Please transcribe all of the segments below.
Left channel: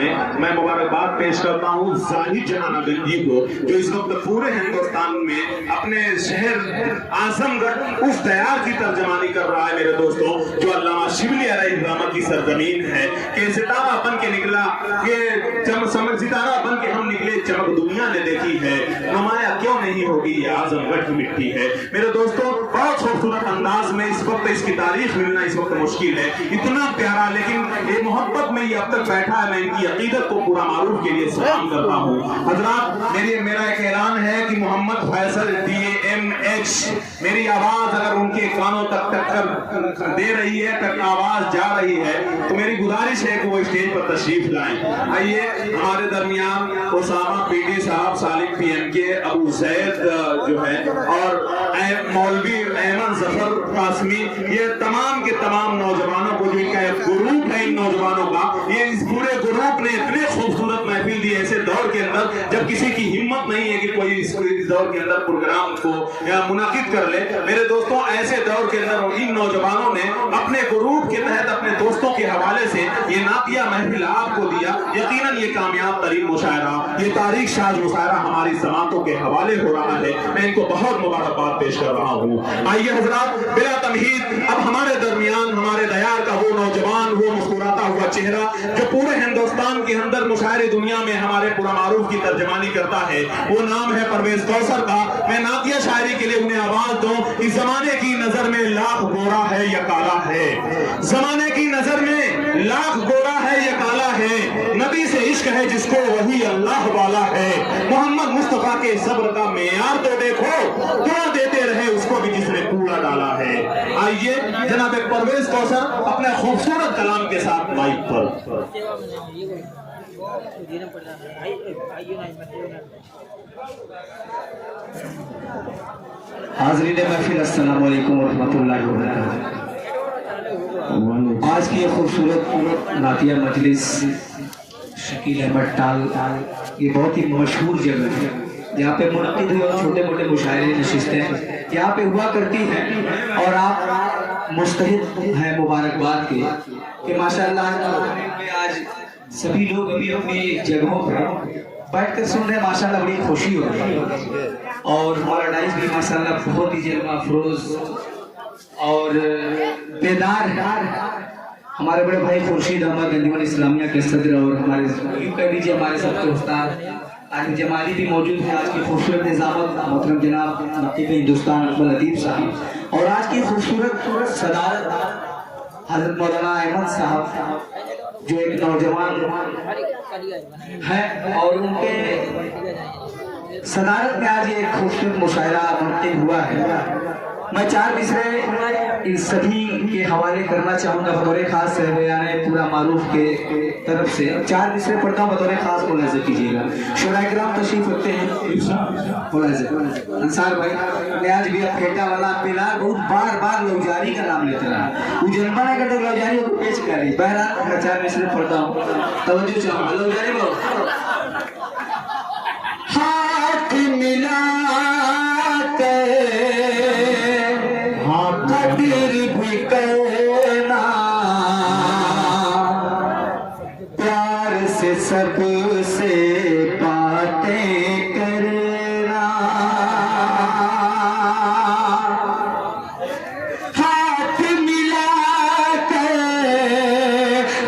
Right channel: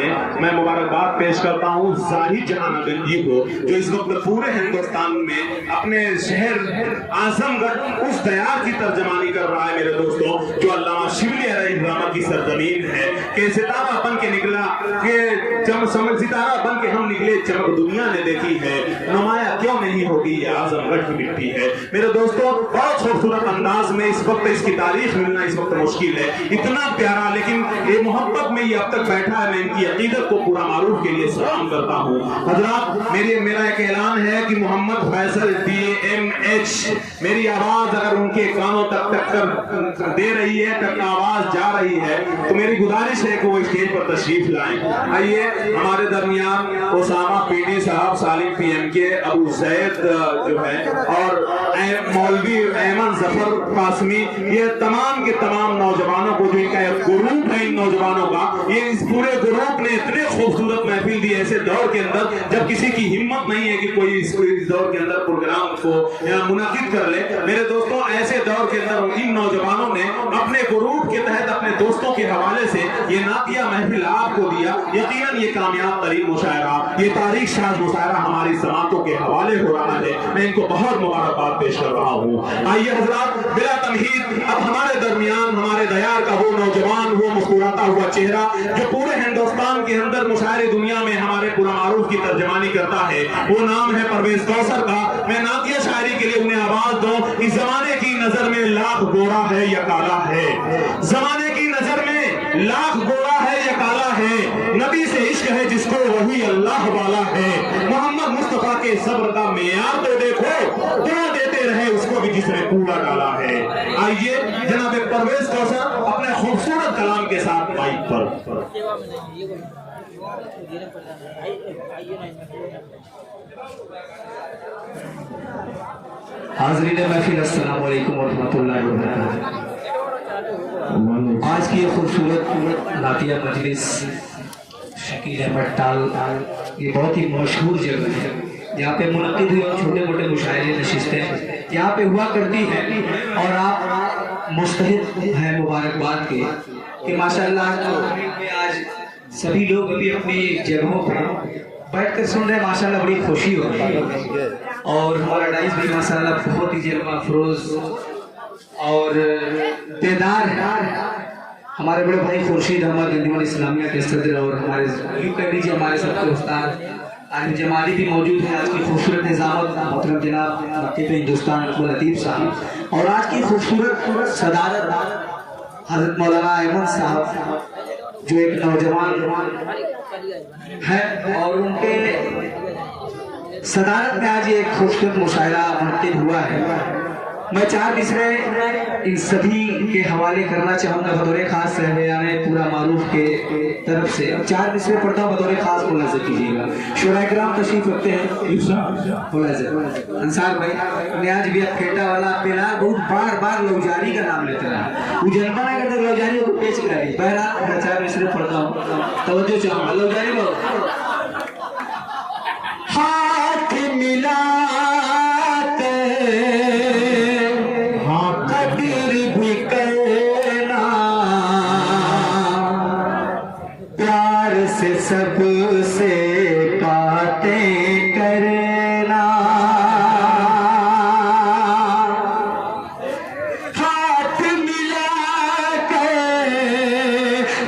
ने। मैं मुबारकबाद पेश करता हूँ जाहिद जहान गंजी को, जो इस वक्त पूरे हिंदुस्तान में अपने शहर आजमगढ़ उस दयाल की तर्जमानी कर रहा है मेरे दोस्तों, जो अल्लामा शिबली अलैहिर्रहमत की सरजमीन है। कि सितारा बन के निकला, कि सितारा बन के हम निकले, चमक दुनिया ने देखी है, नुमाया क्यों नहीं होगी, ये आजमगढ़ की मिट्टी है। मेरे दोस्तों, बहुत खूबसूरत अंदाज में इस वक्त इसकी तारीख मिलना इस वक्त मुश्किल है, इतना प्यारा, लेकिन ये मोहब्बत में ये अब तक बैठा है। मैं इनकी अकीदत को पूरा मारूफ के लिए सलाम करता हूँ। हजरात, मेरा एक ऐलान है कि मोहम्मद फैसल DMH, मेरी आवाज अगर उनके कानों तक टक्कर दे रही है, तक आवाज जा रही है, तो मेरी गुजारिश है कि वो स्टेज पर तशरीफ लाएं। आइए हमारे दरमियान उसामा PD साहब, सालिम PMK, अबू जैद जो है, और मौलवी अहमद जफर कासमी, ये तमाम के तमाम नौजवानों को, जो इनका एक ग्रुप है इन नौजवानों का, ये इस पूरे ग्रुप ने इतने खूबसूरत महफिल दी ऐसे दौर के अंदर जब किसी की हिम्मत नहीं है कि कोई इस दौर के अंदर प्रोग्राम को मुनाकिद कर ले। मेरे दोस्तों, ऐसे दौर के अंदर इन नौजवानों ने अपने ग्रुप के तहत अपने दोस्तों के हवाले से ये नातिया महफिल आपको दिया। यकीनन ये कामयाब तरीन मुशायरा, ये तारीख शाज मुशायरा हमारी समातों के हवाले हो रहा है। मैं इनको बहुत मुबारकबाद पेश कर रहा हूँ। आइए हजरात, बिला तमहीद अब हमारे दरमियान हमारे दयार का वो नौजवान, वो मुस्कुराता हुआ चेहरा, जो पूरे हिंदुस्तान के अंदर मुशायरे दुनिया में हमारे पूरा मारूफ की तर्जमानी करता है, वो नाम है परवेज कौसर का। मैं नातिया शायरी के लिए उन्हें आवाज दूं। इस जमाने की नजर में लाख गोरा है या काला है, जमाने की नजर में लाख गोरा है या काला है, नबी से इश्क है जिसको वही अल्लाह वाला है। मोहम्मद मुस्तफा के सब्र का मेयार तो देखो, दुआ देते रहे उसको भी जिसने कूड़ा डाला है। आइए जनाब परवेज कौसर अपने खूबसूरत कलाम के साथ माइक पर। हाज़रीन महफिल, अस्सलाम वालेकुम वरहमतुल्लाहि वबरकातुहू। आज की ये खूबसूरत नातिया मजलिस शकील अहमद टाल, ये बहुत ही मशहूर जगह है, यहाँ पे मुनक़िद हुए छोटे मोटे मुशायरे नशिस्तें यहाँ पे हुआ करती हैं, और आप मुस्तहिक़ हैं मुबारकबाद के कि माशाअल्लाह आज सभी लोग अभी अपनी जगहों पर बैठ कर सुन रहे हैं। माशाअल्लाह बड़ी खुशी हो रही है, और हमारा डाइस भी माशाअल्लाह बहुत ही जलवा अफरोज और बेदार है। हमारे बड़े भाई खुर्शीद अहमद अंजुमन इस्लामिया के सदर, और हमारे कह लीजिए हमारे सबके उस्ताद आज जमाली भी मौजूद है। आज की खूबसूरत निज़ामत मोहतरम जनाब नक़ीब हिंदुस्तान अकबर लतीफ़ साहब, और आज की खूबसूरत सदारत हज़रत मौलाना अहमद साहब, जो एक नौजवान है, और उनके सदारत में आज एक खूबसूरत मुशायरा मुनक़िद हुआ है। मैं 4 मिसरे इन सभी के हवाले करना चाहूँगा बतौर खास बयान पूरा मारूफ के तरफ से। 4 मिसरे पढ़ता हूँ, बतौर खास को नजर कीजिएगा। शोराइकराम तशरीफ रखते हैं, अंसार भाई न्याज भी फेटा वाला पेला बहुत बार लौजारी का नाम लेता रहा, उजलमा ना करते लौजारी को पेश करी। बहरहाल मैं 4 मिसरे पढ़ता हूँ, तवज्जो चाहूँगा। लौजारी बहुत हाथ मिला सबसे बातें करना, हाथ मिला के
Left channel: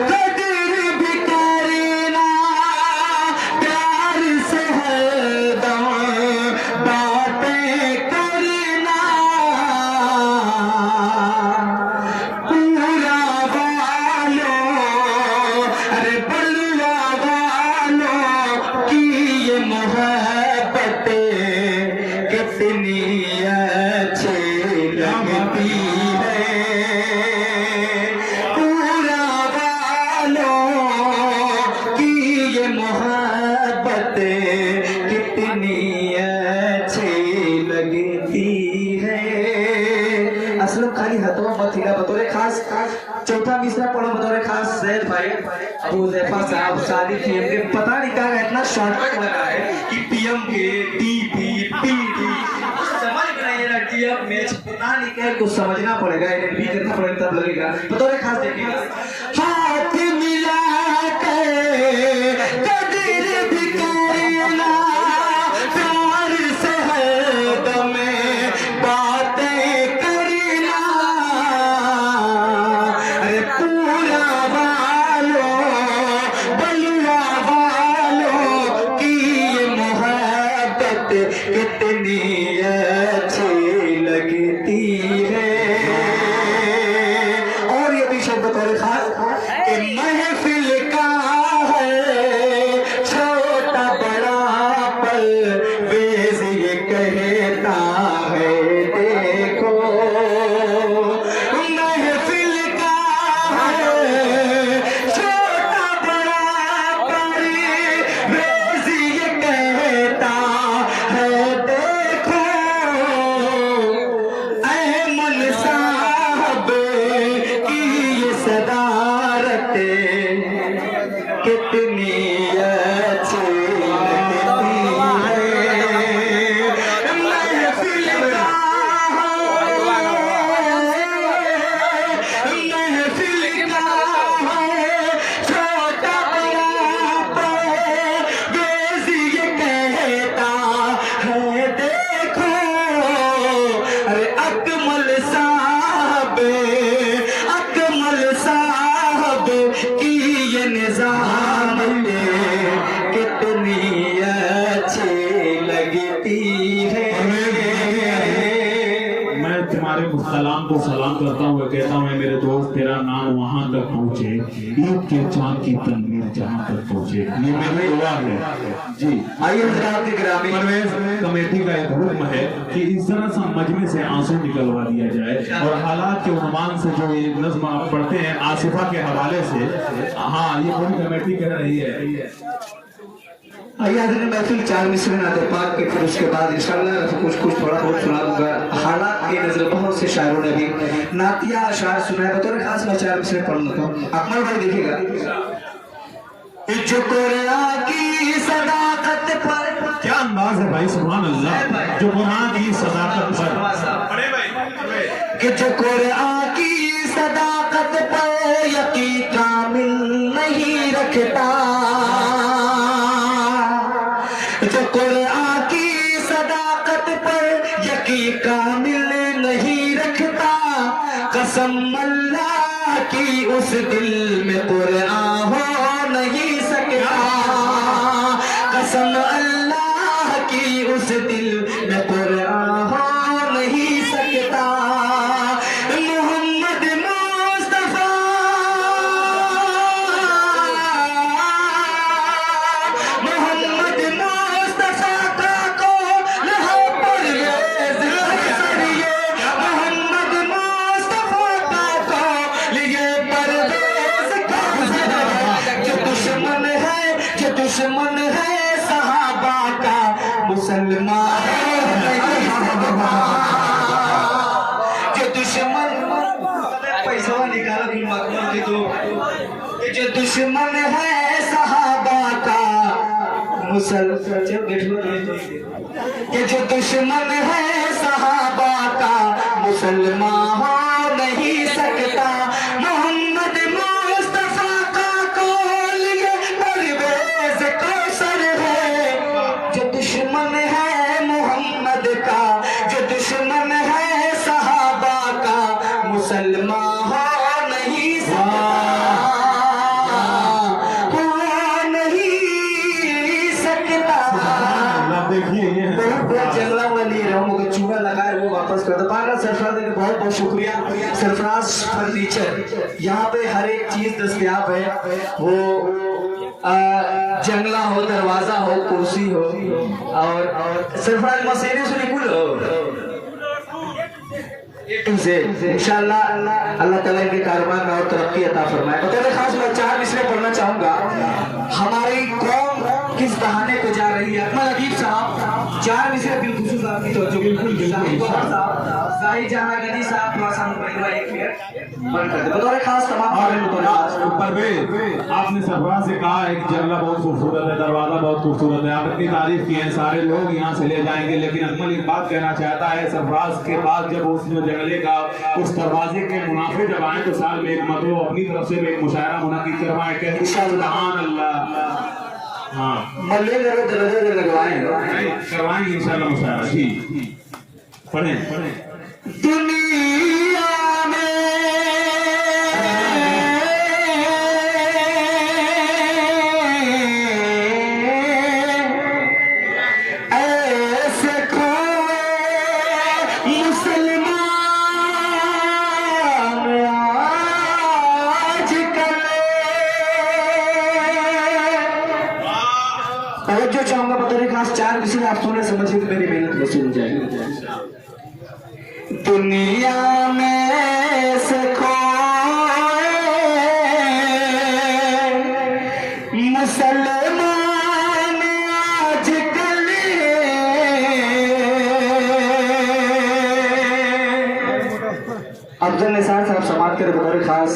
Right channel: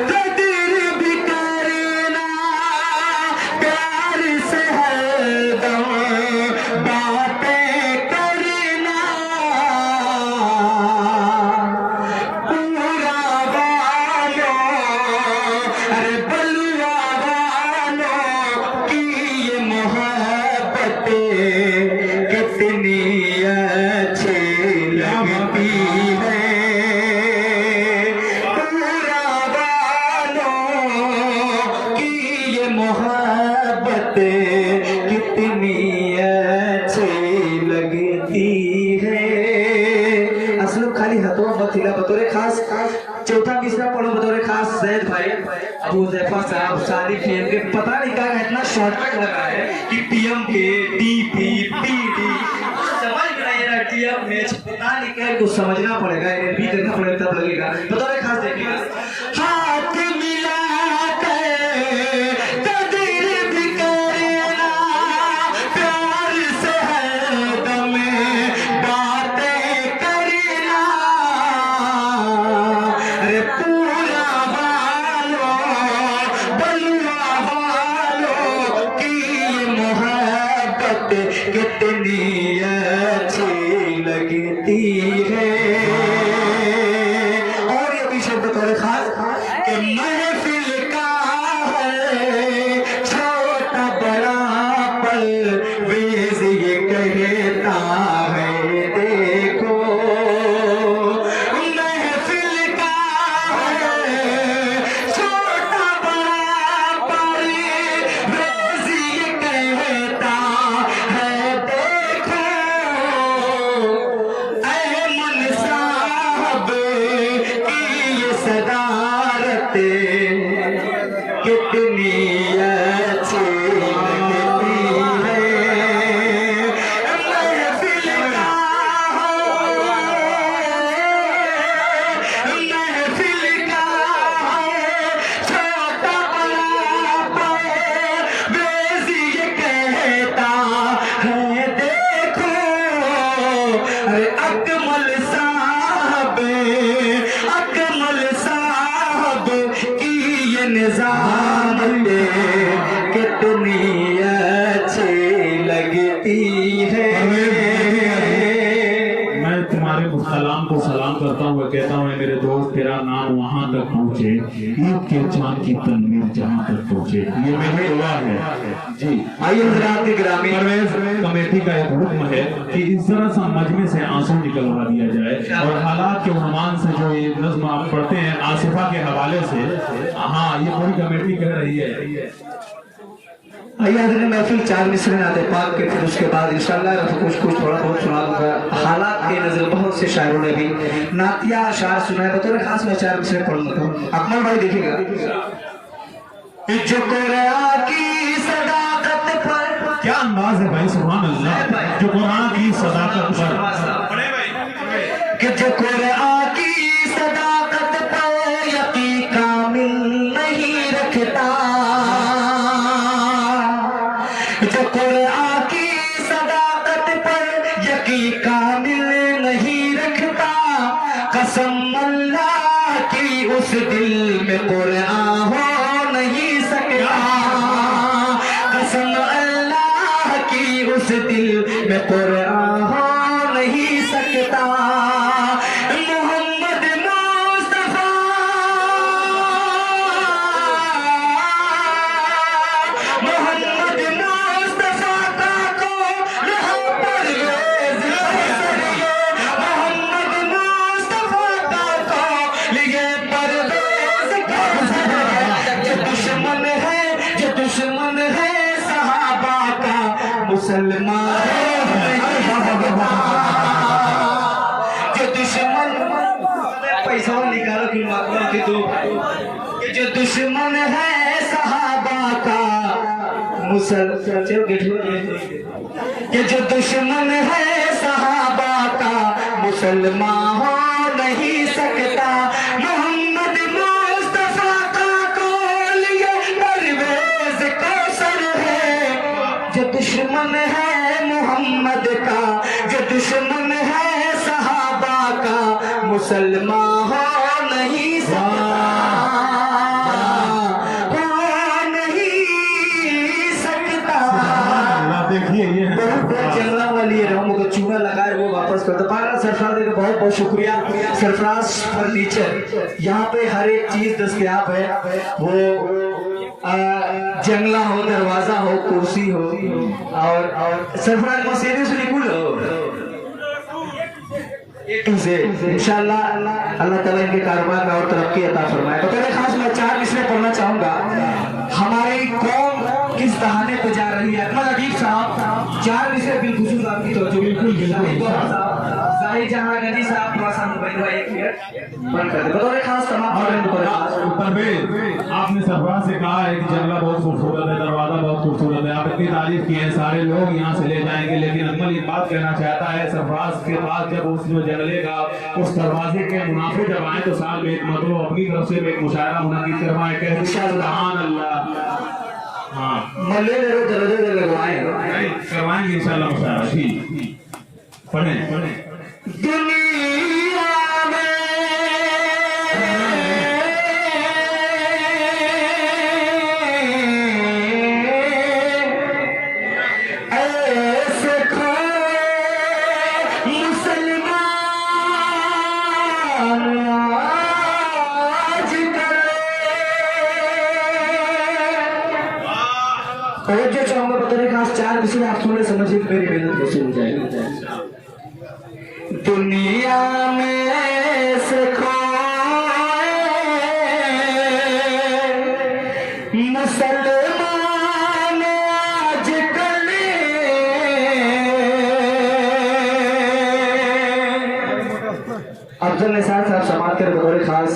कदर भी करना, प्यार से हरदम बातें करना, पूरा वालों अरे बलवा कितनी अच्छी लगती है, पूरा वालों की ये मोहब्बत कितनी अच्छी लगती है। असल खाली हथों मत हिला, बतौर खास चौथा मिसरा पढ़ो बतौर खास जैद भाई अबू ज़ैफा साहब शादी PM के। पता नहीं क्या इतना शॉर्टकट लगा है कि PM के DP PD समझ में नहीं आ रहा, मैच पता नहीं क्या कुछ समझना पड़ेगा, भी करना पड़ेगा, तब लगेगा। बतौर खास देखिएगा, हाथ मिला के कितनी अच्छी लगती है। और ये भी शब्द बतौर खास कि महफिल का है छोटा बड़ा परवेज़ ये कहता है देखो, महफिल का है छोटा बड़ा परवेज़ ये कहता है देखो, अहमद साहब की ये सदारत कितनी अच्छी लगती है। महफिल का महफिल का छोटा बड़ा परवेज़ ये कहता है देखो, अरे अकमल साहब की ये निज़ामत कितनी अच्छी लगती है। मैं तुम्हारे सलाम को सलाम करता हूँ, कहता हूँ मेरे दोस्त तेरा नाम वहाँ तक पहुँचे, ईद के चांद की तनवीर जहाँ तक पहुँचे। ये मेरी दुआ है जी। आइए हज़रात के गिरामी, कमेटी का एक हुक्म है कि इस तरह से मजमे से आंसू निकलवा दिया जाए और हालात के उन्मान से जो ये नज़्म आप पढ़ते हैं आसिफा के हवाले से, हाँ ये पूरी कमेटी कह रही है। आइए हज़रत महफिल 4 मिसरे नाते पाक के, फिर उसके बाद इंशाअल्लाह कुछ थोड़ा बहुत सुना दूंगा। हालात के नजर बहुत से शायरों ने भी नातिया अशार सुनाए, बतौर खास मैं 4 मिसरे पढ़ लेता हूँ। अकमल भाई देखिएगा। जो कुरान की सदाकत पर, क्या अंदाज है भाई, सुभान अल्लाह। जो कुरान की सदाकत पर, कि जो कुरान की सदाकत पर यकीन कामिल नहीं रखता, जो कुरान की सदाकत पर यकीन कामिल नहीं रखता, कसम अल्लाह की उस दिल में कुरान हो नहीं सकता, कसम अल्लाह की उस दिल में कुरान हो नहीं सकता। मोहम्मद मुस्तफा, मोहम्मद मुस्तफा का कौन है परवेज़ हसनिए, मोहम्मद मुस्तफा का कौन ये परवेज़ हसनिए। जो दुश्मन है सहाबा का मुसलमान जो दुश्मन, पैसा निकालो कि मातमा के दो, जो दुश्मन है सहाबा का मुसलमान, ये जो दुश्मन है सहाबा का मुसलमान हो नहीं सकता। मोहम्मद मुस्तफा का कौल ये परवेज़ कौसर है, जो दुश्मन है मोहम्मद का, जो दुश्मन है सहाबा का मुसलमान हो नहीं सकता, हो नहीं सकता। देखिए ये जंगला वाली रहूं को चूना लगाए वो वापस कर दो। पारा सरफराज का बहुत बहुत शुक्रिया। सरफराज फर्नीचर, यहाँ पे हर एक चीज दस्तयाब है, वो जंगला हो, दरवाजा हो, कुर्सी हो, और सरफराज मसीने से निकलो A to Z। इंशाल्लाह अल्लाह ताला इनके कारोबार में और तरक्की अता फरमाए। बताइए खास मैं 4 इसलिए पढ़ना चाहूंगा, हमारी कौम किस दहाने पे जा रही है। अकमल अदीब साहब 4 विषय बिल्कुल आपकी तो बिल्कुल जाहिर जहां नदी साहब थोड़ा सा मोबाइल भाई एक मिनट बंद कर दे। बताइए खास तमाम आपने सरफराज से कहा एक जंगला बहुत खूबसूरत है, दरवाजा बहुत खूबसूरत है, आप इतनी तारीफ की है, सारे लोग यहाँ से ले जाएंगे, लेकिन अकमल एक बात कहना चाहता है सरफराज के पास जब उस जो जंगले का उस दरवाजे के मुनाफे जब आए तो साल में एक मतलब अपनी तरफ से एक मुशायरा मुनाकिद करवाए, कहते सुभान अल्लाह। हाँ मल्ले दरवाजे लगवाए करवाएंगे इंशाल्लाह मुशायरा। ठीक पढ़ें। दुनिया में ऐसे तवज्जो चाहूंगा बतौर खास 4 किसी आप सुनने समझिए मेरी मेहनत वसूल हो जाए। दुनिया में से खोए मुसलमान आजकल अफजल निसार साहब समाज के बतौर खास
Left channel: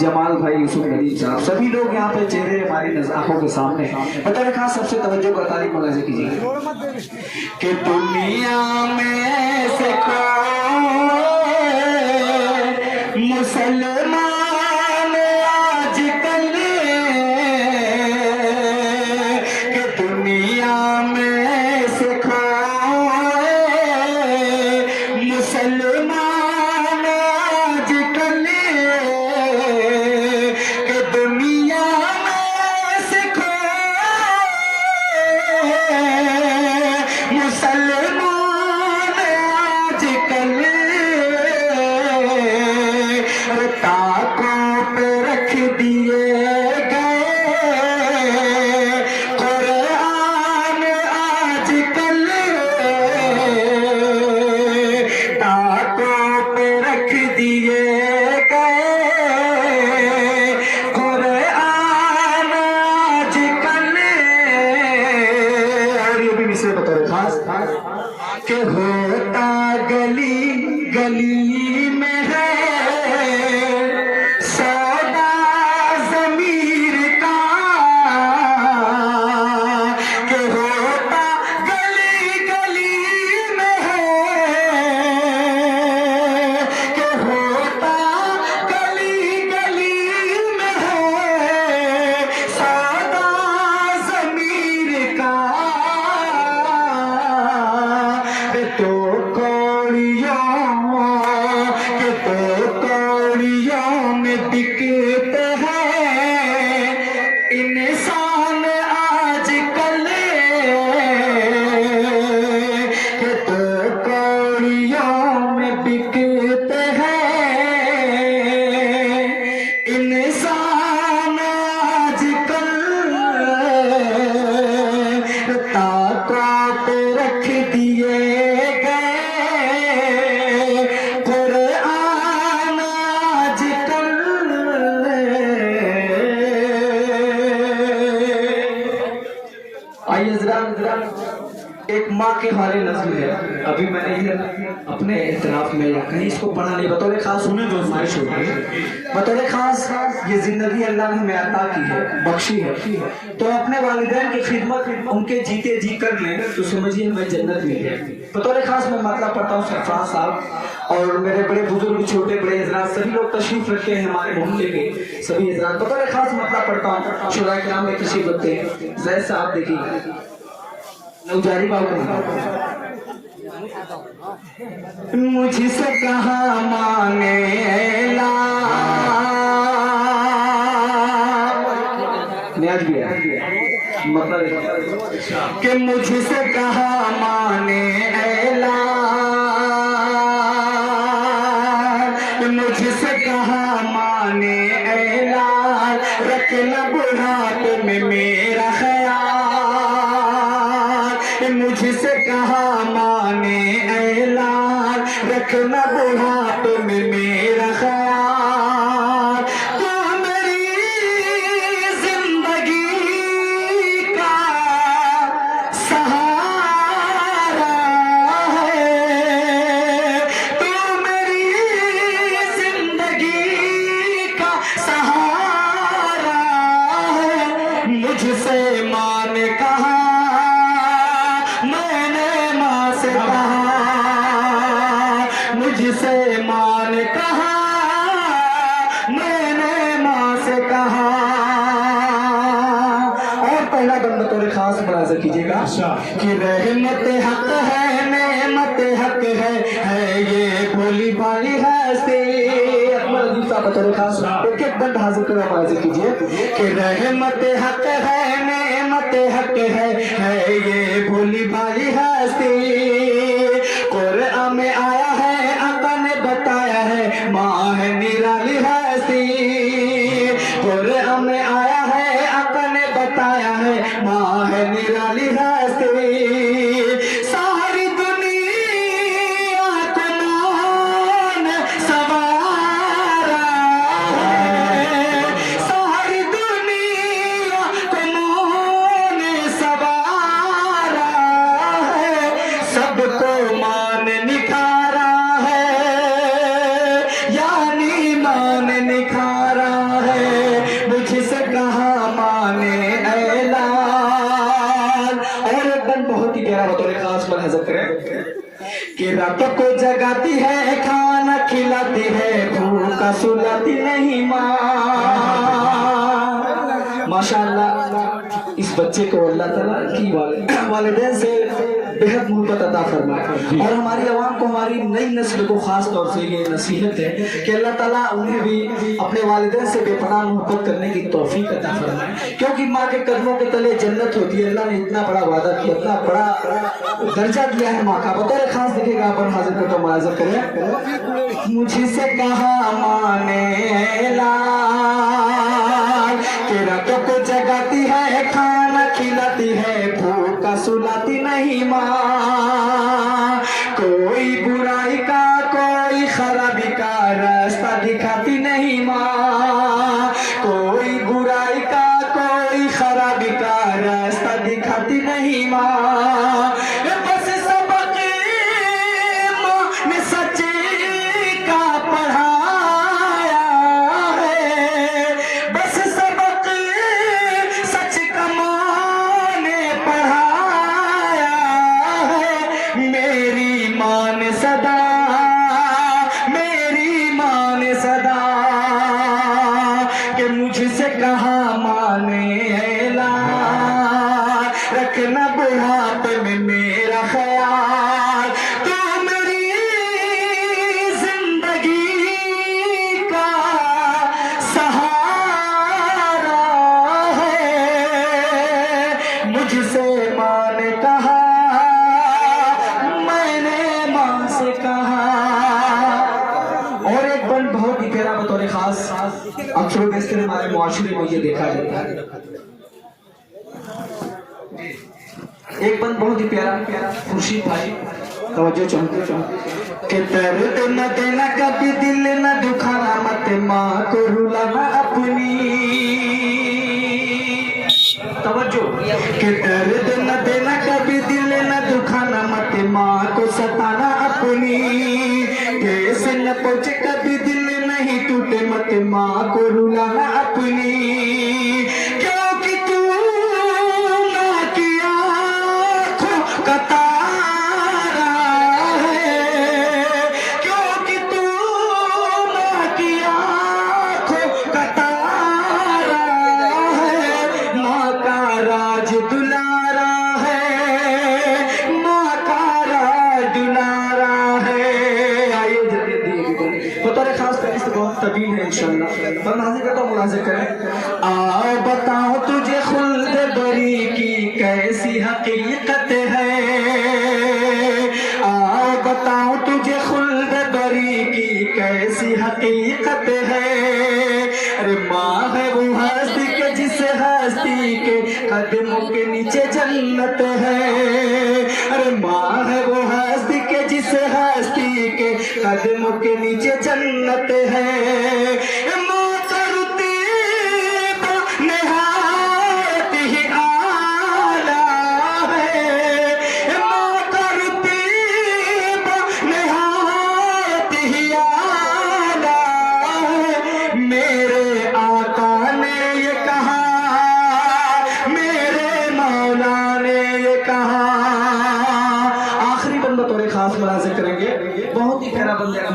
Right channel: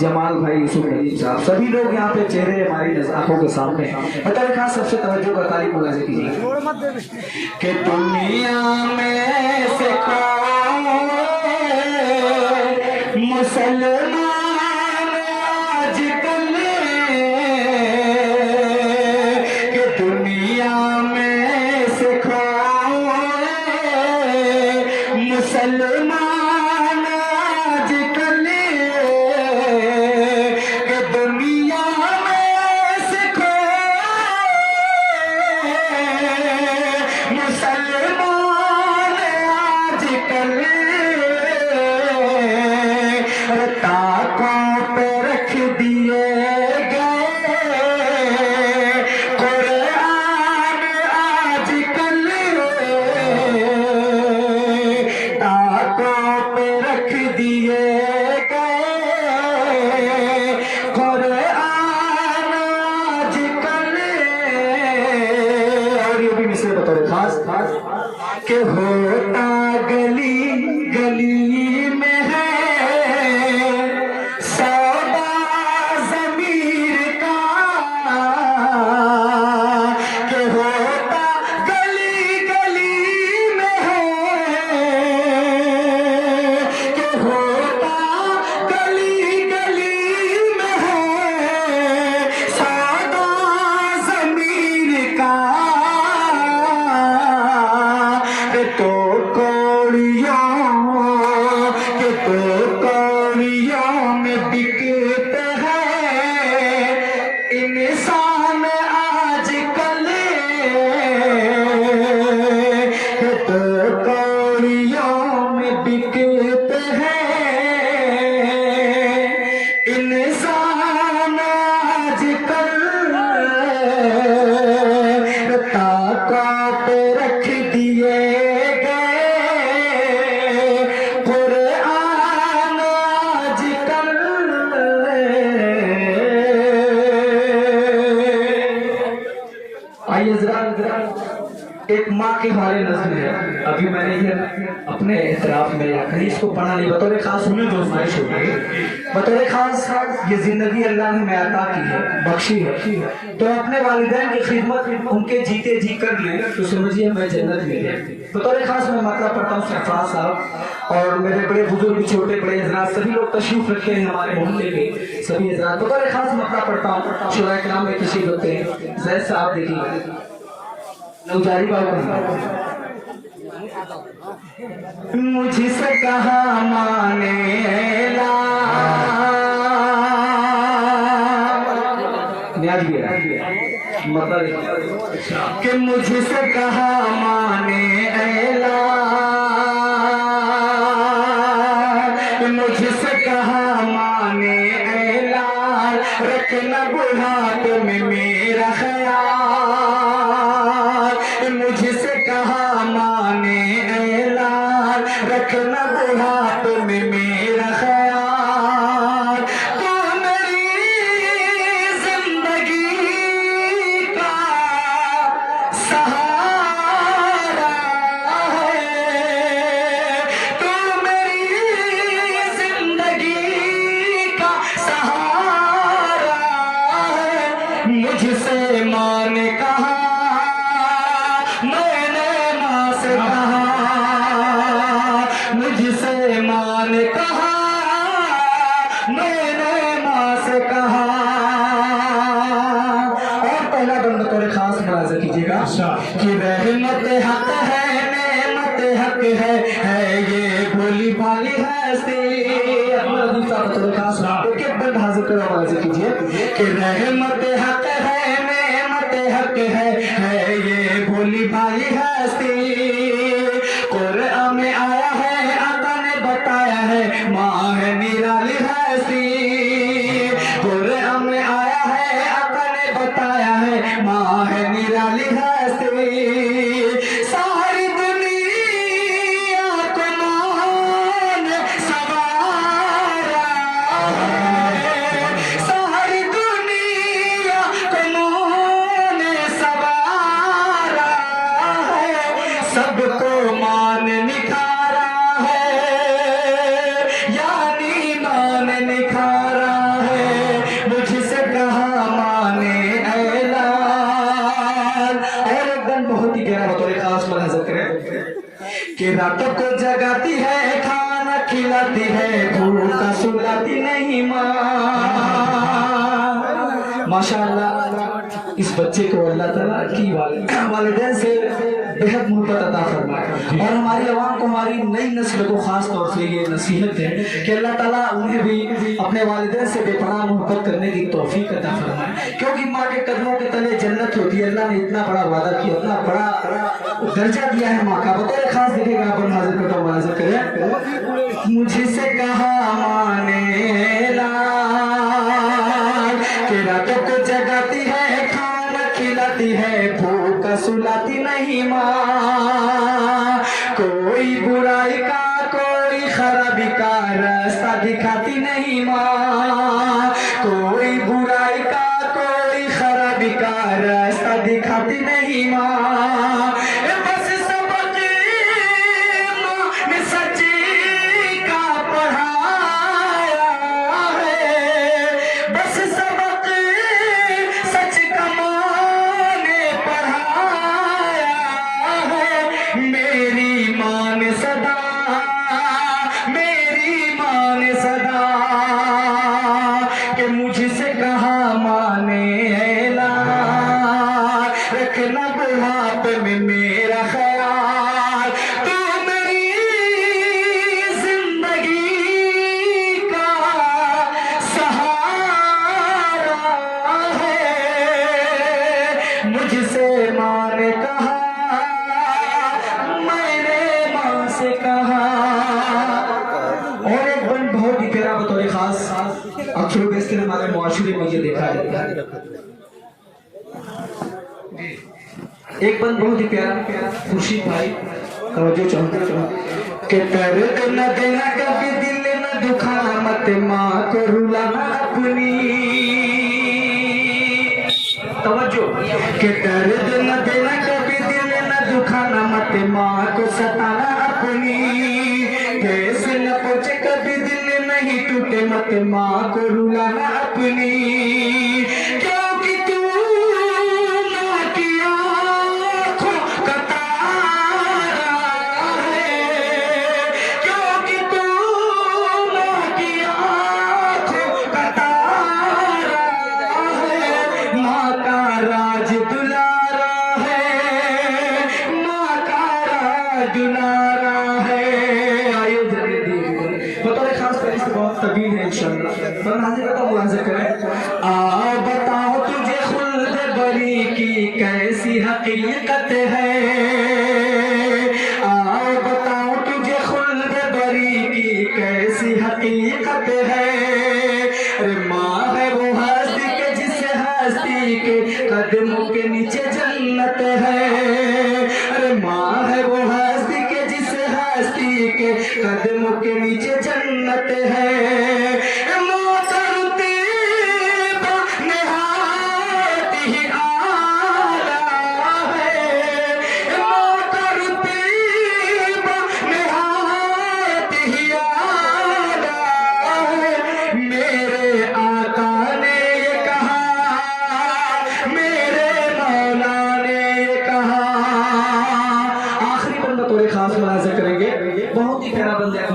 जमाल भाई यूसुफ नदीम साहब सभी लोग यहाँ पे चेहरे हमारी आंखों के सामने बतौर खास सबसे तवज्जो का तारीफ मुलाज़ा कीजिए कि दुनिया में से कोई मुसलमान आजकल कि दुनिया में से कोई मुसलमान के होता गली गली में है सौदा ज़मीर का के होता गली गली में है के होता गली गली में है सौदा ज़मीर का तो कोड़ियों में बिकते हैं इंसान आजकल तो कोड़ियों में बिकते हैं इंसान आजकल ताक़त रख दिए एक माँ के हमारे नज़्म है। अभी मैंने ये अपने इतराफ में या कहीं इसको पढ़ा नहीं बतौर खास उन्हें जो फरमाइश हो गई बतौर खास ये जिंदगी अल्लाह ने अता की है बख्शी है तो अपने वालिदैन की खिदमत उनके जीते जी कर लें तो समझिए मैं जन्नत में है। बतौर खास मैं मतलब पढ़ता हूँ सरफराज साहब और मेरे बड़े बुजुर्ग छोटे बड़े हज़रात सभी लोग तशरीफ रखते हैं हमारे मोहल्ले के सभी हज़रात बतौर खास मतलब पढ़ता हूँ शुराए किराम में तशरीफ रखते हैं। जैद साहब देखिए नौजारी मुझसे कहा माने न्याज भी है मतलब कि मुझसे कहा माने मुझसे कहा माने रखना बुढ़ापे में मेरा ख्याल मुझसे कहा माने ऐलान रखना बुढ़ापे में मेरा ख्याल तो मेरी जिंदगी का सहारा है तो मेरी जिंदगी का सहारा है मुझसे माँ ने कहा मैंने माँ से कहा मुझसे माँ ने कहा मैंने माँ से कहा और पहला बंद तोरे खास मुलाज़ा कीजिएगा कि रहमत हक है नेमत हक है ये भोली भाली हस्ती तोरे खास एक एक बंद हाजिर कर मुलाज़ा कीजिए कि रहमत हक है नेमत हक है ये भोली भाली हस्ती कुरान में आया है आका ने बताया है माँ है निराली हस्ती कुरान में आया है आका ने बताया बनाया है, माँ है निराली हस्ती, सारी दुनिया को मान सवारा है, सारी दुनिया को मान सवारा है, सबको मान निखारा है, यानी मान निखारा है, मुझसे कहा माने ऐलान। और एकदम बहुत ही प्यारा बतौर खास मुलाहिजा करें कि रातों को जगाती है, खाना खिलाती है, भूखा सुलाती नहीं माँ। माशाअल्लाह इस बच्चे को अल्लाह ताला की वालिदैन से बेहद मोहब्बत अता फरमाए। और हमारी आवाम को, हमारी नई नस्ल को खास तौर से ये नसीहत है कि अल्लाह ताला उन्हें भी अपने वालिदैन से बेपनाह मोहब्बत करने की तौफीक अता फरमाए, क्योंकि माँ के कदमों के तले जन्नत होती है। अल्लाह ने इतना बड़ा वादा किया, इतना बड़ा दर्जा दिया है माँ का। बतौर खास देखेगा अपन हाजिर को तो मुलाहिजा करें, मुझसे कहा माने लाल कि रातों को जगाती है, खाना खिलाती है, भूखा सुलाती नहीं माँ। कोई बुराई का, कोई खराबी का रास्ता दिखाती नहीं माँ। कोई बुराई का, कोई खराबी का रास्ता दिखाती नहीं माँ। बस सबक माँ ने सच्ची का पढ़ाया है, बस सबक सच का माँ ने पढ़ाया है। मेरी माँ ने सदा, मेरी माँ ने सदा कि मुझसे कहा माने ऐलान, रखना बुढ़ापे में मेरा ख्याल, तू मेरी जिंदगी का सहारा है। मुझसे माँ ने कहा, मैंने माँ से कहा। और एक बंद बहुत ही प्यारा बतौर खास अक्सर बेशतर हमारे मुआशरे में ये देखा जाता है। एक बंद बहुत ही प्यारा खुर्शीद भाई तवज्जो चाहते कि दर्द न देना कभी, दिल न दुखाना मत, माँ को रुलाना अपनी। तवज्जो कि दर्द न देना कभी, दिल न दुखाना मत, माँ को सताना अपनी। ठेस न पहुंचे कभी, दिल नहीं टूटे मत, माँ को रुलाना अपनी। क्योंकि तू माँ की आँखों का तारा है, क्योंकि तू माँ की आँखों का तारा है। माँ का राज दुलारा है, माँ का राज दुलारा है। आइए जल्दी बतौर खास फरिश्त बहुत तबील है इंशाअल्लाह। तो नाज़िर का मुलाज़ा करें। आ बताओ तुझे खुल्द बरी की कैसी हकीकत है, आ बताओ तुझे खुल्द बरी की कैसी हकीकत है। अरे माँ है वो हस्ती के जिस हस्ती के कदमों के नीचे जन्नत है। अरे माँ है वो हस्ती के जिस हस्ती के कदमों के नीचे जन्नत है। माँ करती वो निहायत ही आला है, माँ करती वो निहायत ही आला है। मेरे आका ने ये कहा, मेरे मौला ने ये कहा। आखिरी बंदा तोरे खास मुलाज़ा करेंगे, बहुत ही प्यारा बंदा है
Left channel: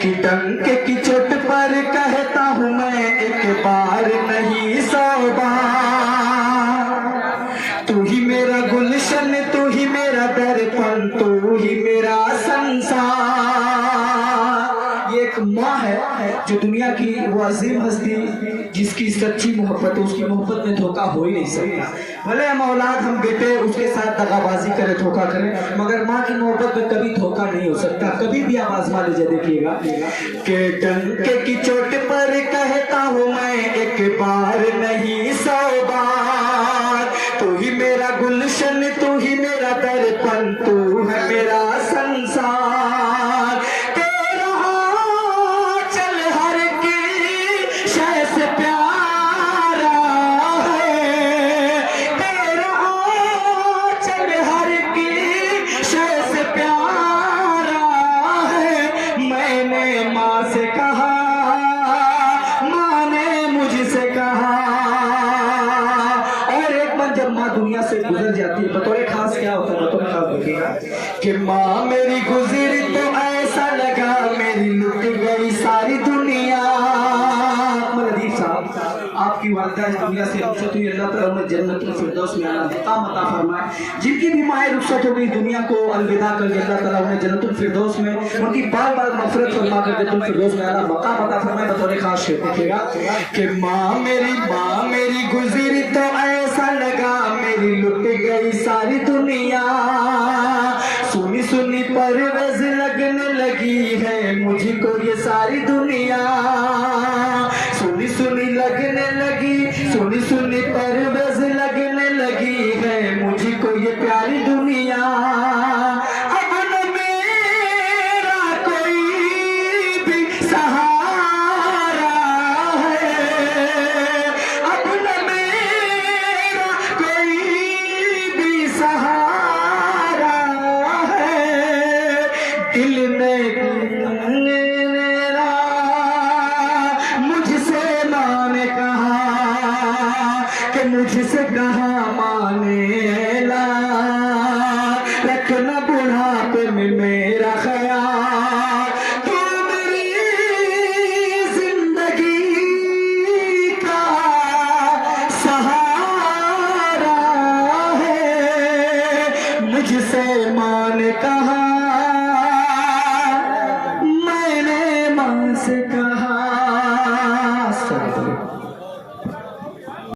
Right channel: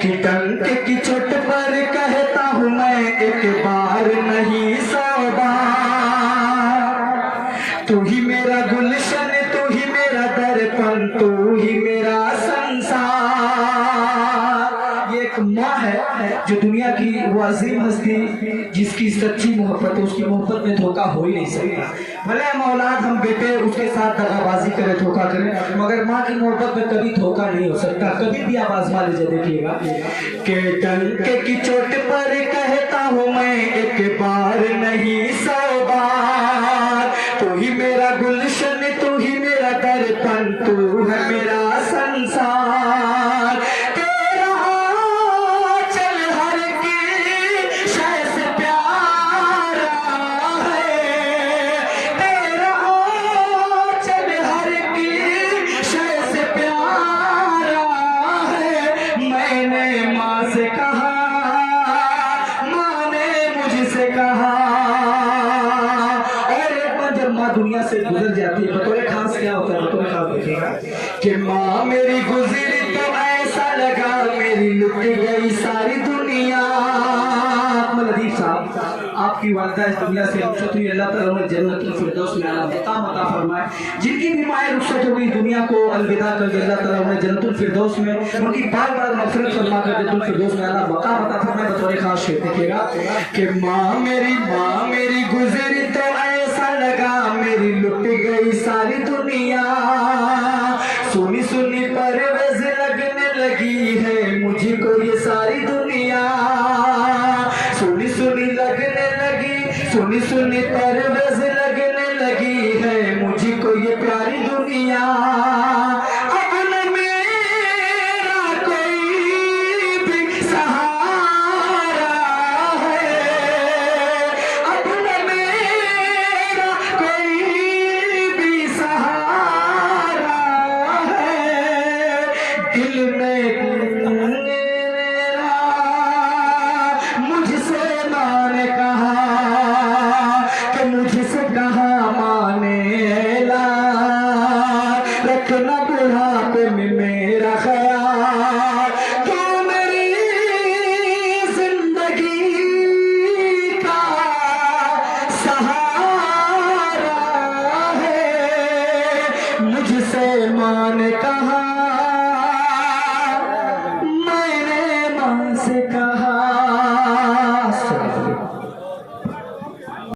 कि टंक की चोट पर कहता हूँ मैं एक बार नहीं 100 बार। तू ही मेरा गुलशन, तू ही मेरा दर्पण, तू ही मेरा संसार। ये एक माँ है जो दुनिया की वो अजीम हस्ती जिसकी सच्ची मोहब्बत है, उसकी मोहब्बत में धोखा हो ही नहीं सकता। भले हम औलाद, हम बेटे उसके साथ दगाबाजी करें, धोखा करें, मगर माँ की मोहब्बत में कभी धोखा नहीं हो सकता। कभी भी आप आजमा लीजिए, देखिएगा कि टंके की चोट पर कहता हूँ मैं एक बार नहीं 100 बार। जब माँ दुनिया से गुजर जाती है बतौर खास क्या होता है, बतौर खास देखिएगा कि माँ मेरी गुजरी तो ऐसा लगा मेरी लुट गई सारी दुनिया। लतीफ साहब, आपकी वालिदा इस दुनिया से रुखसत हुई, अल्लाह ताला उन्हें जन्नतुल फिरदौस में मकाम अता फरमाए। जिनकी भी माँ रुखसत हो गई दुनिया को अलविदा कर के, अल्लाह ताला उन्हें जन्नतुल फिरदौस में उनकी बार बार मग़फ़िरत फरमा कर जन्नतुल फिरदौस में अल्लाह मकाम अता फरमाए। बतौर खास शेर देखिएगा कि माँ मेरी गुजरी तो ऐसा लगा मेरी लुट गई सारी दुनिया। सुनी सुनी परवेज़ लगने लगी है मुझको ये सारी दुनिया। सुनी सुनी लगने लगी, सुनी सुनी परवेज़ लगने लगी है मुझको ये प्यारी दुनिया। अब न मेरा कोई भी सहारा है, अब न मेरा कोई भी सहारा है। दिल में मेरा मुझसे माँ ने कहा कि मुझसे कहा माने ला, रखना बुढ़ापे में मेरा ख्याल। तू मेरी जिंदगी का सहारा है। मुझसे माँ ने कहा